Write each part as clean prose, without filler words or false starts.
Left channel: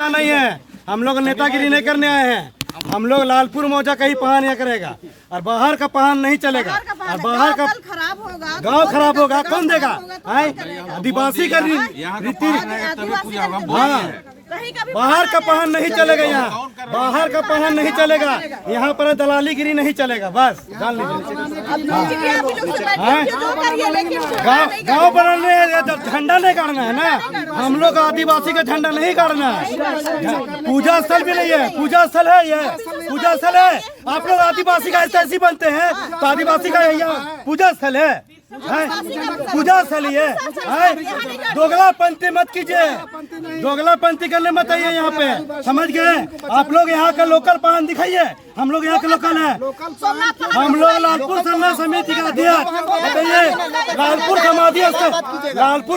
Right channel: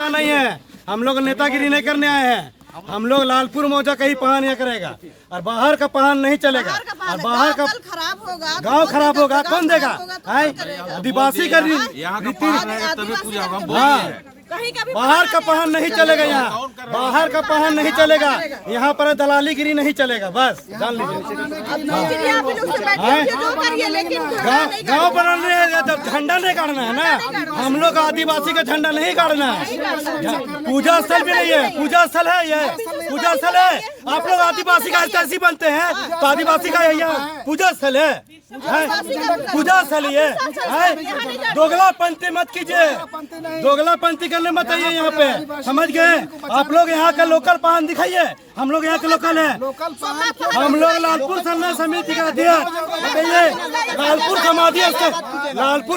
नहीं है, हम लोग नेतागिरी नहीं करने आए हैं। हम लोग लालपुर मौजा का ही पहन या करेगा और बाहर का पहन नहीं चलेगा। और बाहर का गांव खराब होगा कौन देगा? आदिवासी का रीति, हाँ बाहर का पहन नहीं चलेगा। यहाँ बाहर का पहन नहीं चलेगा। यहाँ पर दलालीगिरी नहीं चलेगा। बस जान लीजिए। गांव बनाने जब झंडा नहीं गाड़ना है ना, हम लोग आदिवासी का झंडा नहीं गाड़ना है। पूजा स्थल भी नहीं है, पूजा स्थल है ये, पूजा स्थल है। आप लोग आदिवासी का ऐसे बनते हैं तो आदिवासी का यहाँ पूजा स्थल है, पूजा स्थल ये है। दोगलापंथी मत कीजिए, दोगलापंथी करने मत आइए यहाँ पे, समझ गए? आप लोग यहाँ का लोकल पान दिखाइए। हम लोग यहाँ के लोकल है। हम लोग लालपुर संघर्ष समिति का अध्यक्ष। बताइए, लालपुर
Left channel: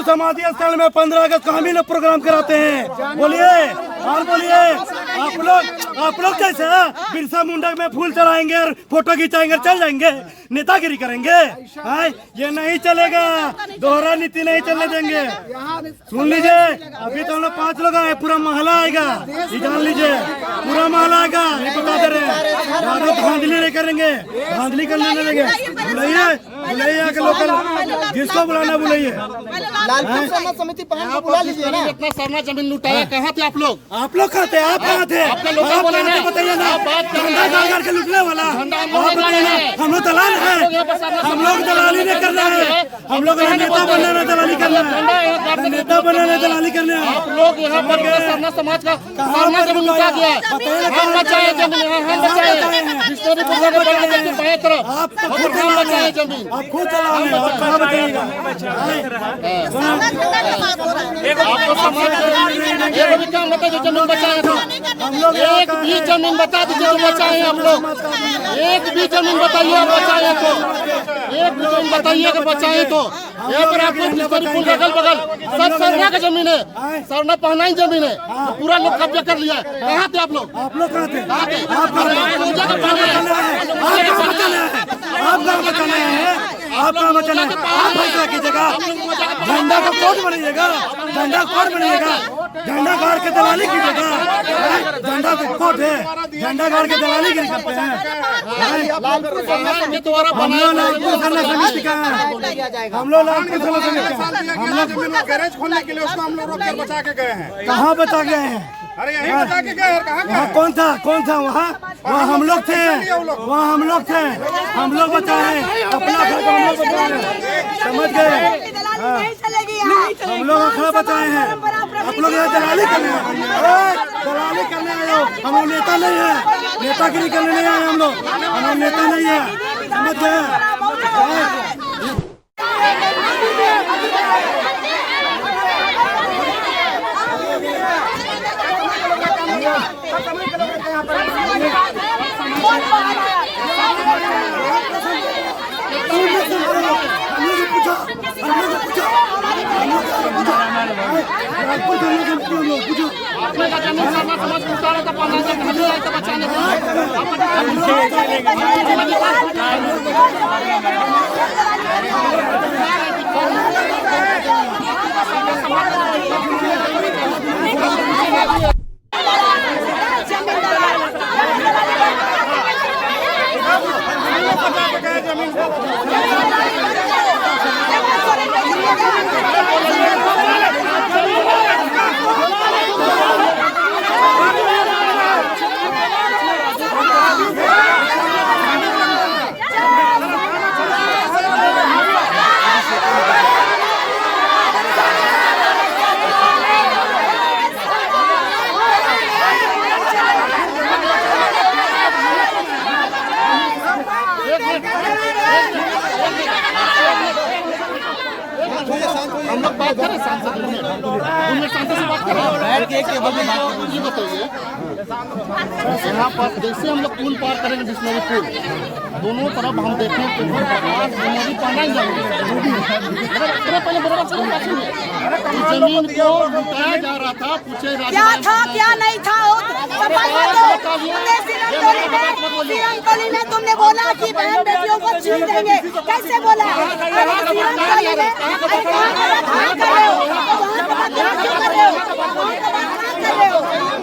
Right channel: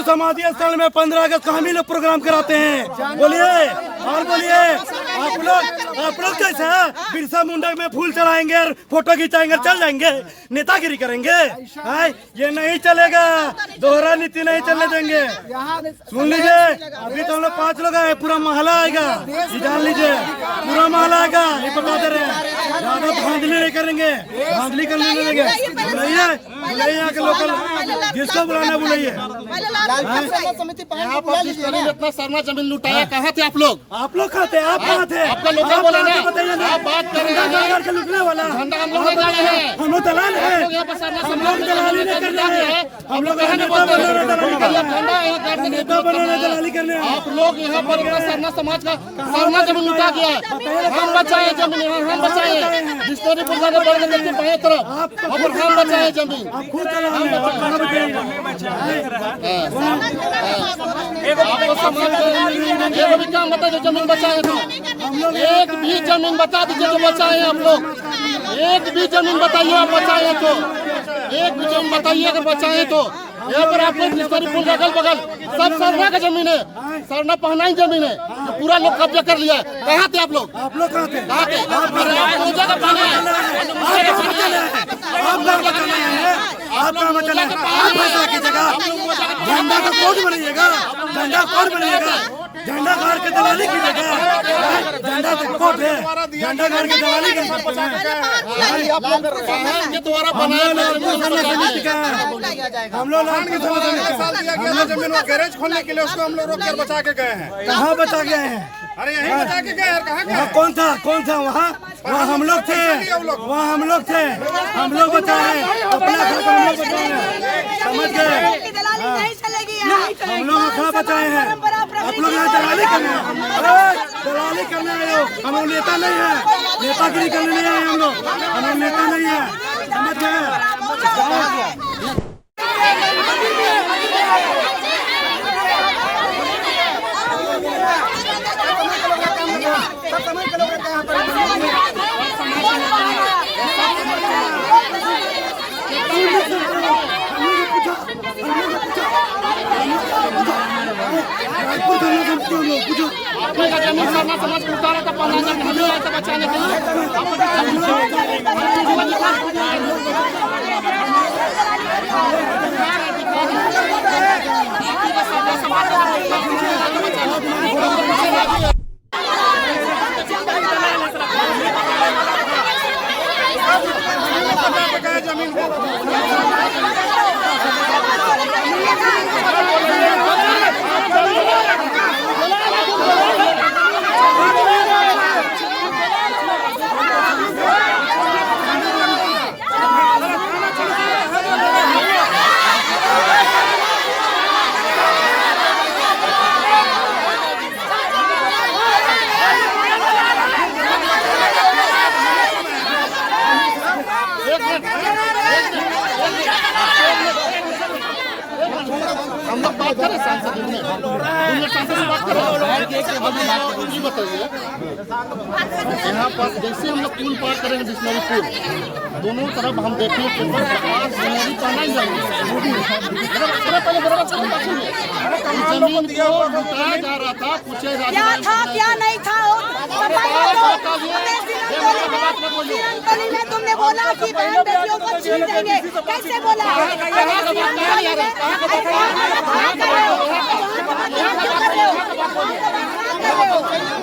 समाधि स्थल में 15 अगस्त को हम ही लोग प्रोग्राम कराते हैं। बोलिए और बोलिए। आप लोग कैसे बिरसा मुंडा में फूल चढ़ाएंगे और फोटो खिंचाएंगे, चल जाएंगे, नेतागिरी करेंगे? ये नहीं चलेगा, दोहरा नीति नहीं चलने देंगे। सुन लीजिए, अभी तो हम लोग 5 लोग आए, पूरा मोहल्ला आएगा, ये जान लीजिए, पूरा मोहल्ला आएगा, ये बता दे रहे हैं। ज्यादा धांधली नहीं करेंगे, धांधली करने नहीं देंगे। बुलाइए यहाँ के लोकल, जिसको बुलाना बुलाइए। इतना सारा जमीन लुटाया, कहाँ थे आप लोग? आप लोग कहाँ थे? आप कहाँ थे? आपका लोकल बोला ना, बताइए ना। आप बात कर रहे हैं के लुटने वाला झंडा हम लोग दलाल है, हम लोग दलाल है, हम लोग दलाली नहीं कर रहे हैं। हम लोग झंडा यहाँ काट देने दलाली करने। आप लोग यहाँ पर सरना समाज का सरना जमीन लुटा गया। हम बचाए जमीन, हम बचाए बिस्नोरीपुर जाकर बढ़ने के बाएं तरफ, और हम बचाए जमीन, हम बचाए। आपको समाज एक भी काम बता जो जमीन बचाए थे, एक भी जमीन बता दीजिए तो बचाए हम लोग। एक भी जमीन बताइए आप बचाए तो, एक भी जमीन बताइए अगर बचाए तो। यहाँ पर आपको बिस्नोरीपुर अगल बगल सब सरना का जमीन है, सरना पहना ही जमीन है, तो पूरा लोग कब्जा कर लिया है। कहाँ थे आप लोग? आप लोग कहाँ थे? आप कहाँ बचाना है? आप कहाँ बचाना है? आप फैसला कीजिएगा। झंडा का कोड बनाइएगा, झंडा कोड बनाइएगा, झंडा गाड़ के दलाली कीजिएगा। झंडा का कोड है, झंडा गाड़ के दलाली गिरी करते हैं। हम लोग लालपुर थाना समिति का है, हम लोग लालपुर थाना समिति का। हम लोग गैरेज खोलने के लिए उसको हम लोग रोक कर बचा के गए हैं। कहाँ बचा गए हैं? अरे यहीं बचा के गए हैं। कहाँ वहाँ कौन था? वहाँ हम लोग थे, वहाँ हम लोग थे, हम लोग बचाए, अपना घर का हम लोग बचाए, समझ गए? हम लोग अखड़ा बचाए हैं। आप लोग यहाँ दलाली करने दलाली करने आए हो। हम लोग नेता नहीं है, नेतागिरी करने नहीं आए हम लोग नेता नहीं है, समझ गए? हम लोग बात करें सांसद सांसद से बात करें। बताइए, यहाँ पर जैसे हम लोग पुल पार करेंगे बिस्नोरी पुल, दोनों तरफ हम देखें केवल प्रकाश बुनियादी पहना ही जमीन को लुटाया जा रहा था। पूछे क्या नहीं था? तुमने बोला कि बहन बेटियों को छीन देंगे, कैसे बोला? कहाँ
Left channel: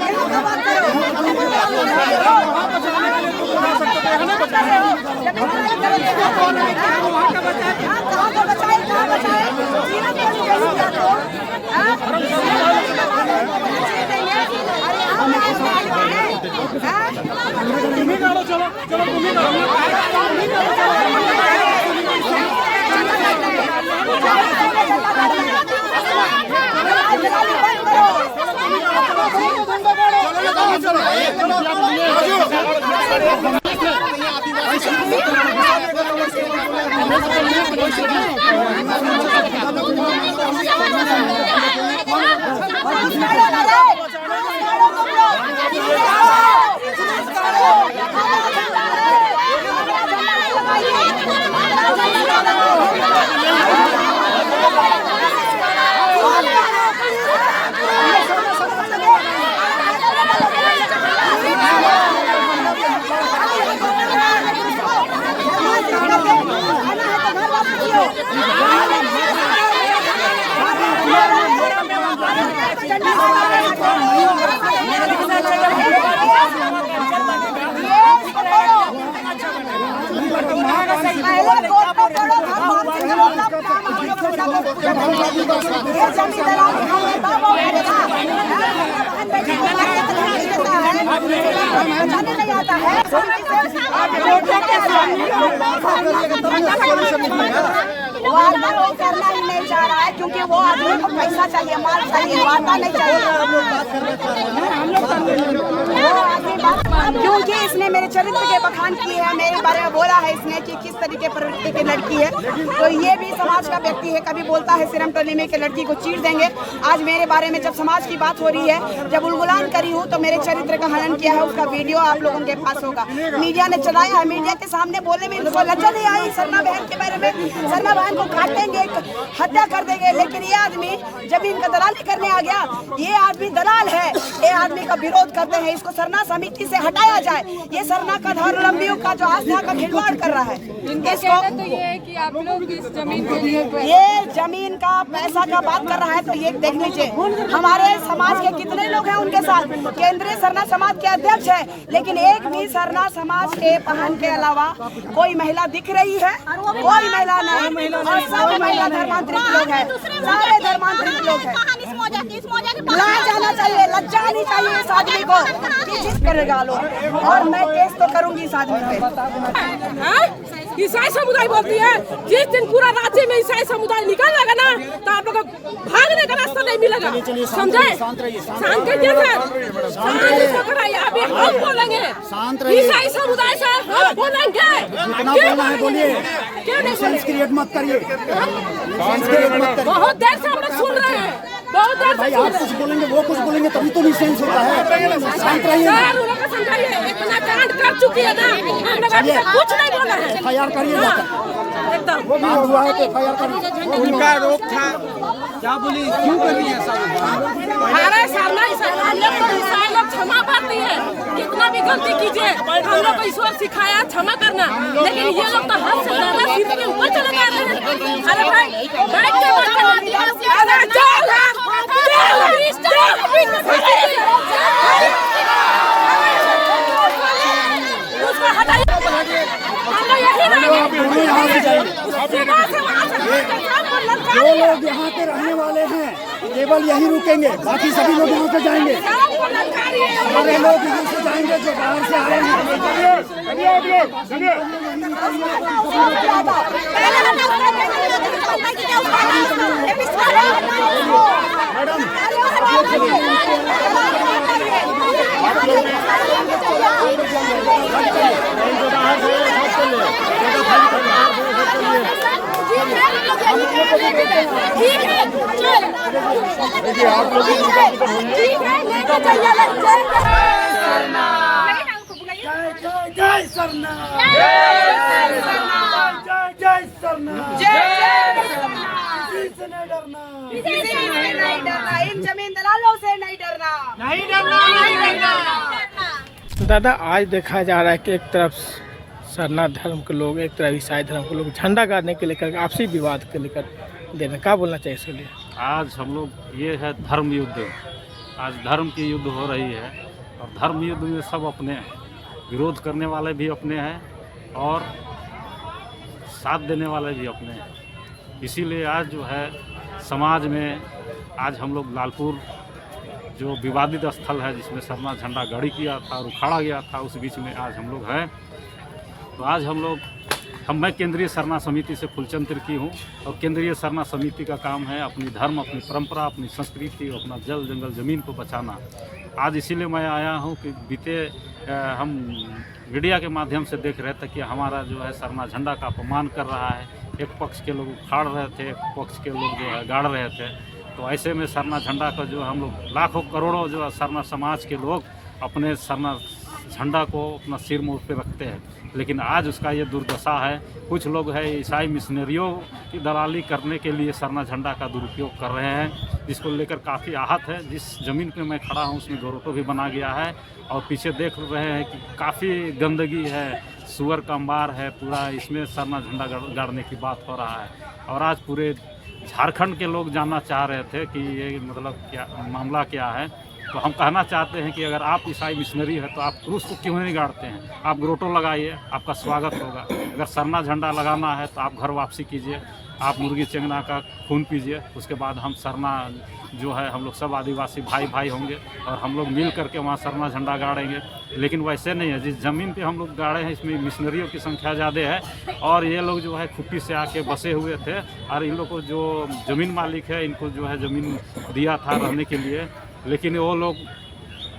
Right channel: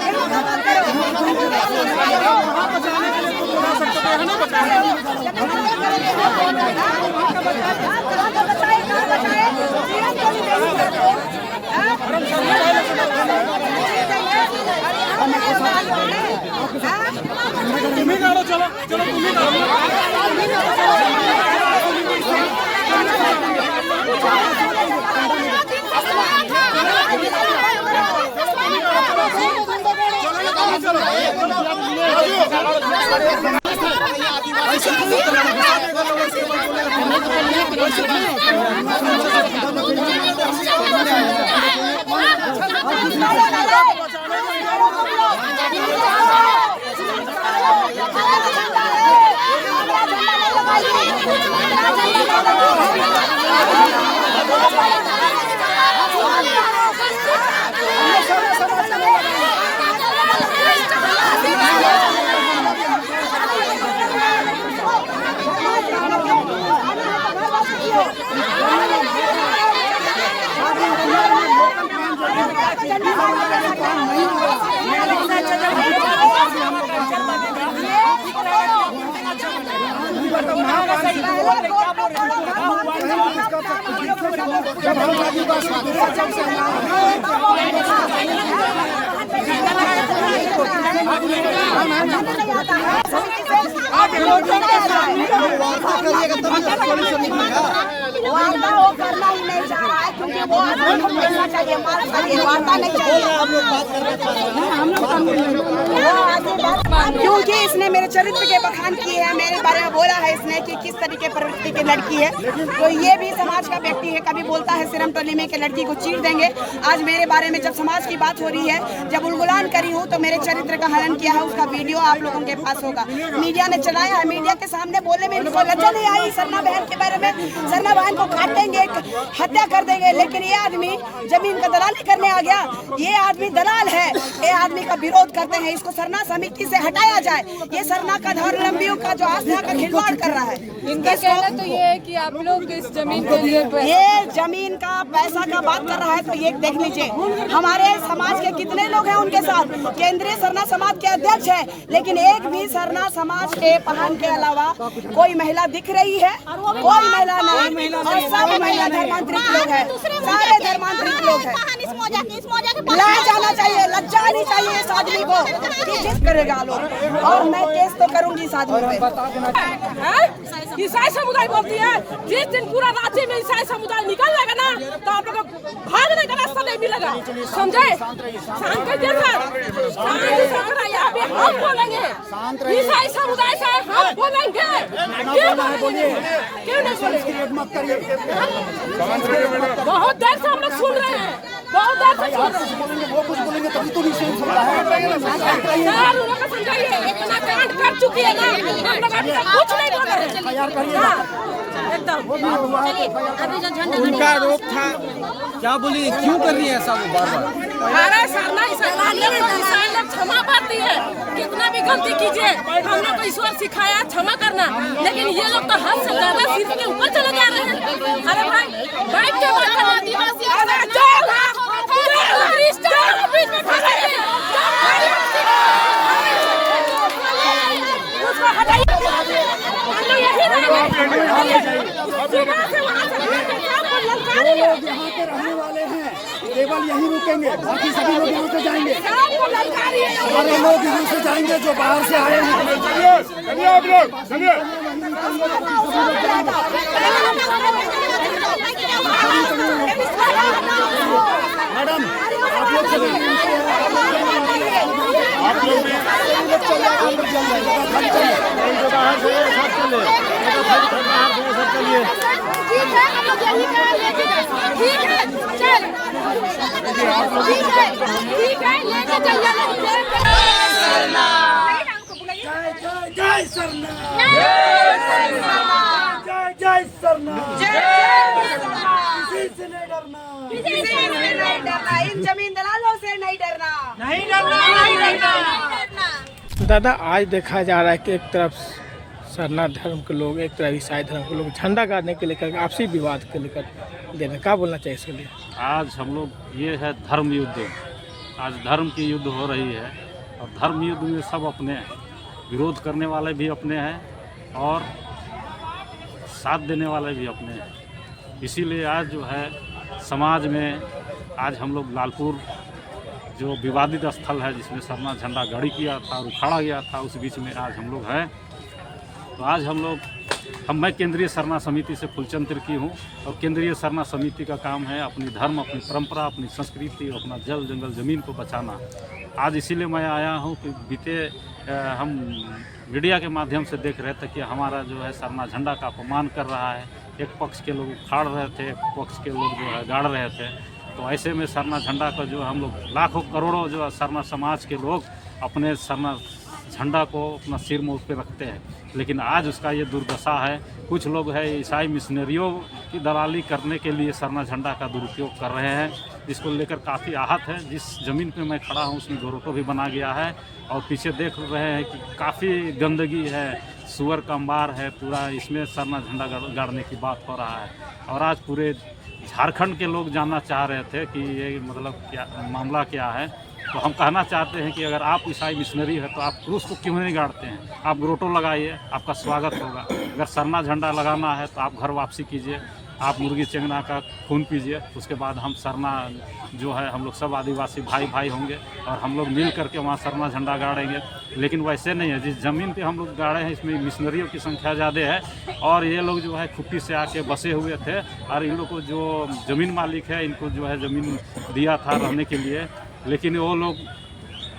वार्ता वो करना ही नहीं चाह रहा है क्योंकि वो आदमी को पैसा चाहिए, माल चाहिए, वार्ता नहीं चाहिए। हम लोग क्योंकि इसने मेरे चरित्र के बखान किए हैं, मेरे बारे में बोला है इसने कि किस तरीके प्रवृत्ति की लड़की है, तो ये भी समाज का व्यक्ति है। कभी बोलता है सिरम टोली में कि लड़की को चीर देंगे। आज मेरे बारे में जब समाज की बात हो रही है, जब उलगुलान करी हूँ तो मेरे चरित्र का हनन किया है, उसका वीडियो आप लोगों के पास होगा। मीडिया ने चलाया है, मीडिया के सामने बोलने में इनको लज्जा नहीं आई। सरना बहन के बारे में, सरना बहन को काटेंगे, हत्या कर देंगे, लेकिन ये आदमी जमीन का दलाली करने आ गया। ये आदमी दलाल है, ये आदमी का विरोध करते हैं, इसको सरना समिति से हटाया जाए। ये सरना का धर्मावलंबियों का जो आस्था का खिलवाड़ कर रहा है। इसको तो ये है कि आप लोग इस जमीन के लिए ये जमीन का पैसा का बात कर रहा है, तो ये देख लीजिए हमारे समाज के कितने लोग हैं उनके साथ। केंद्रीय सरना समाज के अध्यक्ष है, लेकिन एक भी सरना समाज के पहन के अलावा कोई महिला दिख रही है? कोई महिला नहीं, और सब महिला धर्मांतरित लोग हैं, सारे धर्मांतरित लोग हैं। लाज आना चाहिए, लज्जा आनी चाहिए इस आदमी को कि जिद करेगा लोग, और मैं केस तो करूंगी इस आदमी पे। ईसाई समुदाय बोलती है, जिस दिन पूरा राज्य में ईसाई समुदाय निकलेगा ना, तो आप लोग को भागने का रास्ता नहीं मिलेगा, समझे? शांत करिए सर, शांत इसको कराइए। अभी हम बोलेंगे, ईसाई समुदाय से हम बोलेंगे। क्यों बोलेंगे? क्यों नहीं बोलेंगे? बहुत देर से हम लोग सुन रहे हैं, बहुत देर से सुन रहे हैं। वो कुछ बोलेंगे तभी तो नहीं सेंस होता है। सर उन लोग को समझाइए, इतना कांड कर चुकी है ना, हम लोग अभी तक कुछ नहीं बोल रहे हैं। हाँ, एकदम उनका रोक था, क्या बोली, क्यों कर रही है ऐसा? अरे सर ना, हम लोग तो ईसाई लोग क्षमा करती है, कितना भी गलती कीजिए, हम लोग को ईश्वर सिखाया क्षमा करना, लेकिन ये लोग तो हद से ज्यादा सिर के ऊपर चले जा रहे हैं। अरे भाई बैठ के बात करना, उसको हटाइए, हम लोग यही रहेंगे। लोग यहाँ के रहने वाले हैं, केवल यहीं रुकेंगे, बाकी सभी लोग यहाँ से जाएंगे। सारे लोग यहाँ से जाएंगे जो बाहर से आए हैं। ठीक है, हम लोग यही करेंगे। ठीक है, चल ठीक है, लेके चलिए। जय सरना, जय सरना, किसी से नहीं डरना, किसी से नहीं डरना, इन जमीन दलालों से नहीं डरना, नहीं डरना, नहीं डरना। दादा, आज देखा जा रहा है कि एक तरफ सरना धर्म के लोग, एक तरफ ईसाई धर्म के लोग झंडा गाड़ने के लेकर आपसी विवाद के लेकर दे रहे, क्या बोलना चाहिए इसके लिए? आज हम लोग, ये है धर्म युद्ध, आज धर्म की युद्ध हो रही है, और धर्म युद्ध में सब अपने हैं, विरोध करने वाले भी अपने हैं और साथ देने वाले भी अपने हैं। इसीलिए आज जो है समाज में आज हम लोग लालपुर जो विवादित स्थल है जिसमें सरना झंडा गाड़ी किया था और उखाड़ा गया था, उस बीच में आज हम लोग हैं। तो आज मैं केंद्रीय सरना समिति से फुलचंद तिर्की हूँ और केंद्रीय सरना समिति का काम है अपनी धर्म, अपनी परंपरा, अपनी संस्कृति और अपना जल जंगल ज़मीन को बचाना। आज इसीलिए मैं आया हूँ कि बीते हम मीडिया के माध्यम से देख रहे थे कि हमारा जो है सरना झंडा का अपमान कर रहा है। एक पक्ष के लोग उखाड़ रहे थे, एक पक्ष के लोग जो है गाड़ रहे थे। तो ऐसे में सरना झंडा का जो हम लोग लाखों करोड़ों जो है सरना समाज के लोग अपने सरना झंडा को अपना सिर मुँह पे रखते हैं, लेकिन आज उसका ये दुर्दशा है। कुछ लोग हैं ईसाई मिशनरियों की दलाली करने के लिए सरना झंडा का दुरुपयोग कर रहे हैं, जिसको लेकर काफ़ी आहत है। जिस ज़मीन पे मैं खड़ा हूँ उसमें गोरोटो भी बना गया है और पीछे देख रहे हैं कि काफ़ी गंदगी है, सुअर का अंबार है पूरा, इसमें सरना झंडा गाड़ने की बात हो रहा है। और आज पूरे झारखंड के लोग जानना चाह रहे थे कि ये मतलब क्या मामला क्या है। तो हम कहना चाहते हैं कि अगर आप ईसाई मिशनरी है तो आप क्रूस को क्यों नहीं गाड़ते हैं? आप ग्रोटो लगाइए, आपका स्वागत होगा। अगर सरना झंडा लगाना है तो आप घर वापसी कीजिए, आप मुर्गी चेंगना का खून पीजिए। उसके बाद हम सरना जो है हम लोग सब आदिवासी भाई भाई होंगे और हम लोग मिल करके वहाँ सरना झंडा गाड़ेंगे। लेकिन वैसे नहीं है, जिस ज़मीन पे हम लोग गाड़े हैं इसमें मिशनरियों की संख्या ज़्यादा है और ये लोग जो है खुट्टी से आके बसे हुए थे और इन लोग को जो ज़मीन मालिक है इनको जो है ज़मीन दिया था रहने के लिए, लेकिन वो लोग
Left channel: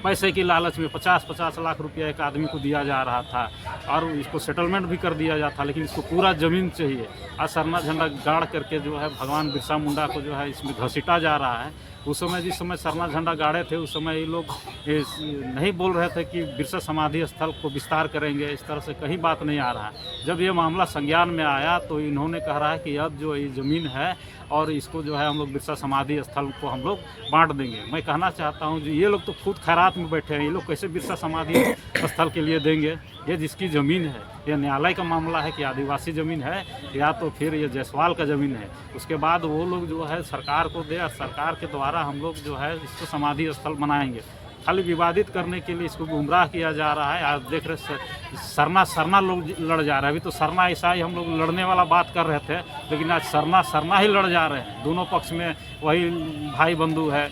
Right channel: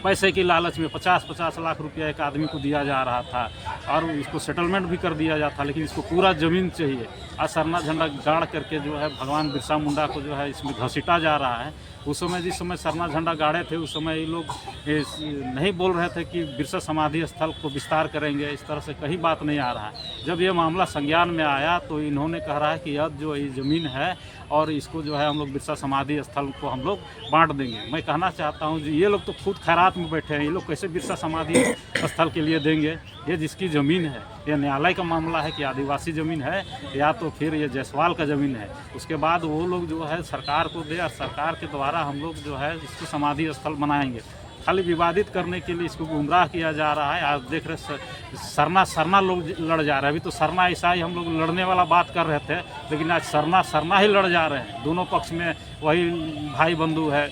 पैसे की लालच में 50-50 लाख रुपया एक आदमी को दिया जा रहा था और इसको सेटलमेंट भी कर दिया जाता, लेकिन इसको पूरा ज़मीन चाहिए। आज सरना झंडा गाड़ करके जो है भगवान बिरसा मुंडा को जो है इसमें घसीटा जा रहा है। उस समय जिस समय सरना झंडा गाड़े थे उस समय ये लोग नहीं बोल रहे थे कि बिरसा समाधि स्थल को विस्तार करेंगे, इस तरह से कहीं बात नहीं आ रहा है। जब ये मामला संज्ञान में आया तो इन्होंने कह रहा है कि अब जो ये ज़मीन है और इसको जो है हम लोग बिरसा समाधि स्थल को हम लोग बांट देंगे। मैं कहना चाहता हूँ जो ये लोग तो खुद खैरात में बैठे हैं, ये लोग कैसे बिरसा समाधि स्थल के लिए देंगे? ये जिसकी ज़मीन है, ये न्यायालय का मामला है कि आदिवासी ज़मीन है या तो फिर ये जायसवाल का ज़मीन है। उसके बाद वो लोग जो है सरकार को दे और सरकार के द्वारा हम लोग जो है इसको समाधि स्थल बनाएंगे। खाली विवादित करने के लिए इसको गुमराह किया जा रहा है। आज देख रहे सरना लोग लड़ जा रहे हैं। अभी तो सरना ईसाई हम लोग लड़ने वाला बात कर रहे थे, लेकिन आज सरना ही लड़ जा रहे हैं। दोनों पक्ष में वही भाई बंधु है,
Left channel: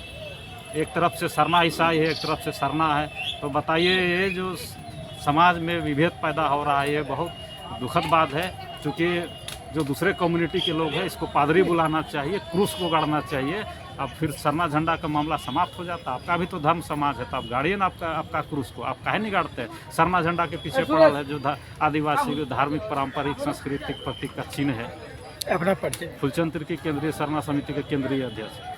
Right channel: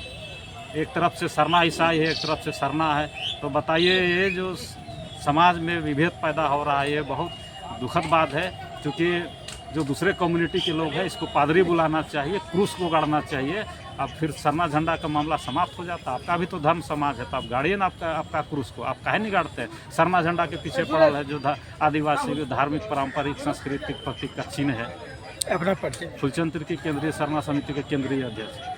एक तरफ से सरना ईसाई है, एक तरफ से सरना है। तो बताइए ये जो समाज में विभेद पैदा हो रहा है ये बहुत दुखद बात है। क्योंकि जो दूसरे कम्युनिटी के लोग हैं इसको पादरी बुलाना चाहिए, क्रूस को गाड़ना चाहिए। अब फिर सरना झंडा का मामला समाप्त हो जाता। आपका भी तो धर्म समाज है, तो आप गाड़िए ना आपका क्रूस को। आप काहे नहीं गाड़ते हैं? सरना झंडा के पीछे पड़ल है जो आदिवासी धार्मिक पारंपरिक सांस्कृतिक प्रतीक का चिन्ह है। अपना परिचय। फुलचंद तिर्की, केंद्रीय सरना समिति के केंद्रीय अध्यक्ष।